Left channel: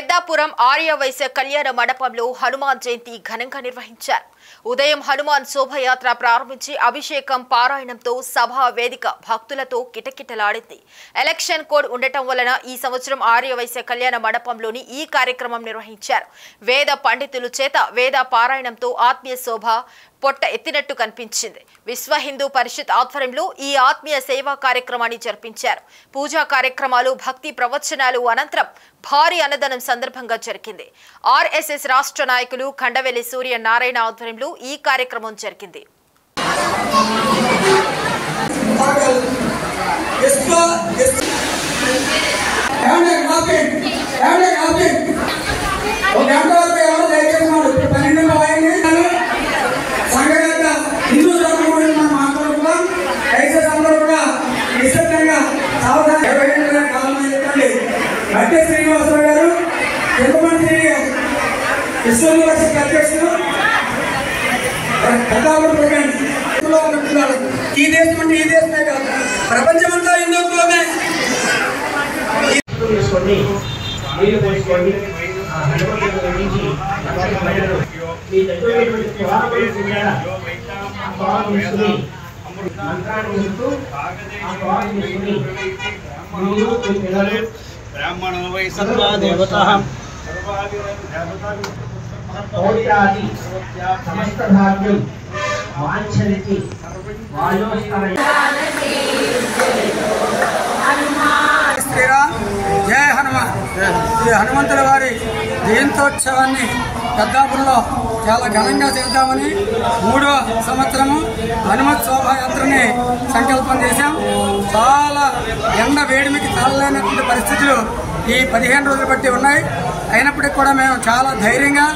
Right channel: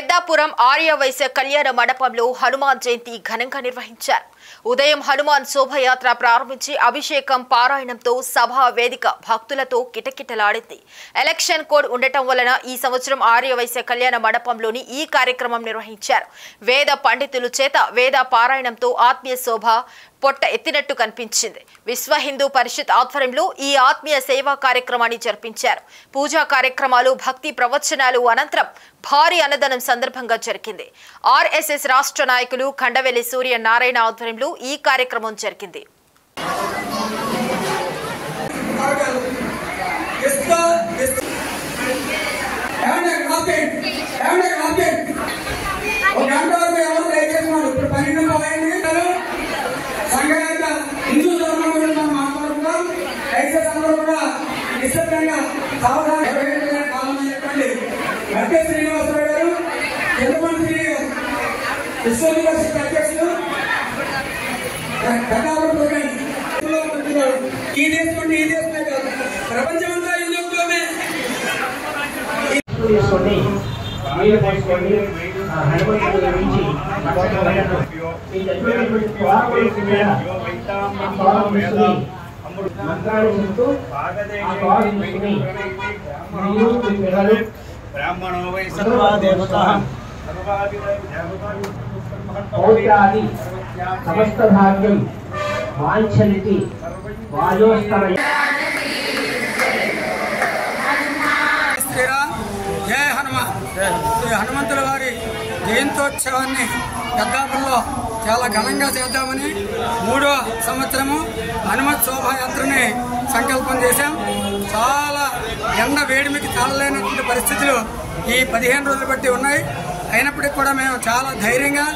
పెద్దాపురం ఆర్యవైశ్య కళ్యాణ మండపంలో హనుమాన్ జయంతి ఘనంగా నిర్వహించారు. ఉదయం హనుమాన్ శోభయాత్ర ప్రారంభించి అభిషేకం పారాయణంతో సభా వేదిక భక్తులతో కిటకిటలాడింది. ఎలక్షన్ కోడ్ ఉండటం వలన ఈ సంవత్సరం ఆర్యవైశ్య కళ్యాణ మండపంలోని ఈ కార్యక్రమం నిర్వహించారు. వేద పండితుల చేత వేద పారాయణంతో ఆత్మీయ శోభ పొట్ట ఎత్తినట్టు కనిపించింది. విశ్వ హిందూ పరిషత్ ఆధ్వర్యంలో ఈ ఆత్మీయ సేవా కార్యక్రమాన్ని జరిపించారు. పూజా కార్యక్రమాలు, భక్తి ప్రవచనాలు అనంతరం భారీ అన్నదానం సందర్భంగా జరిగింది. ఆర్ఎస్ఎస్ రాష్ట్ర నాయకులు ఖండవెల్లి సూర్య నారాయణ ఆధ్వర్యంలో ఈ కార్యక్రమం జరిగింది. ఈ దేశమే కాదు, ప్రపంచమంతా హిందుత్వమే. బ్రాహ్మణో వై సర్వా దేవతాః పౌర్యాది సమస్త భాగ్యం వాంఛంతి వాయోస్తరయ. శ్రీరామ్ జయ హనుమాన్. శ్రీ హనుమంతుల వారి జయంతోత్సవాన్ని పెద్దాపురంలో చాలా ఘనంగా చేద్దామని 3వ సంవత్సరము హనుమత్ శోభాయాత్రని సంకల్పం చేశాం. చాలా ఎండ వేడిమికి తాళలేనటువంటి పరిస్థితులు ఈ 15 రోజులు బట్టి ఉన్నాయి. అయినప్పటికీ కూడా మేము చాలా ధైర్యంగా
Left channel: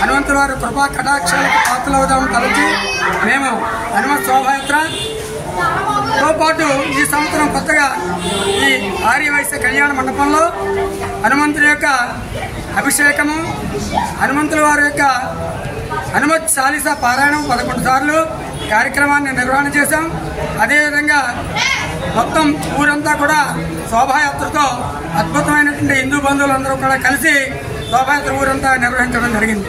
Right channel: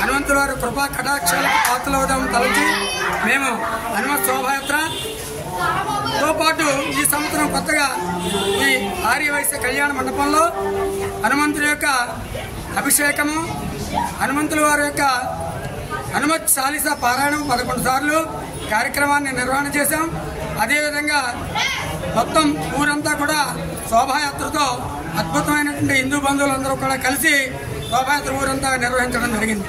హనుమంతుల వారి కృపా కటాక్షాలకు పాత్రలవుదామని తలచి మేము హనుమత్ శోభాయాత్రతో పాటు ఈ సంవత్సరం కొత్తగా ఈ ఆర్యవైశ్య కళ్యాణ మండపంలో హనుమంతుడి యొక్క అభిషేకము, హనుమంతుల వారి యొక్క హనుమత్ చాలీసా పారాయణం 11 సార్లు కార్యక్రమాన్ని నిర్వహణ చేశాం. అదేవిధంగా మొత్తం ఊరంతా కూడా శోభాయాత్రతో అద్భుతమైనటువంటి హిందూ బంధువులందరూ కూడా కలిసి శోభాయాత్ర ఊరంతా నిర్వహించడం జరిగింది.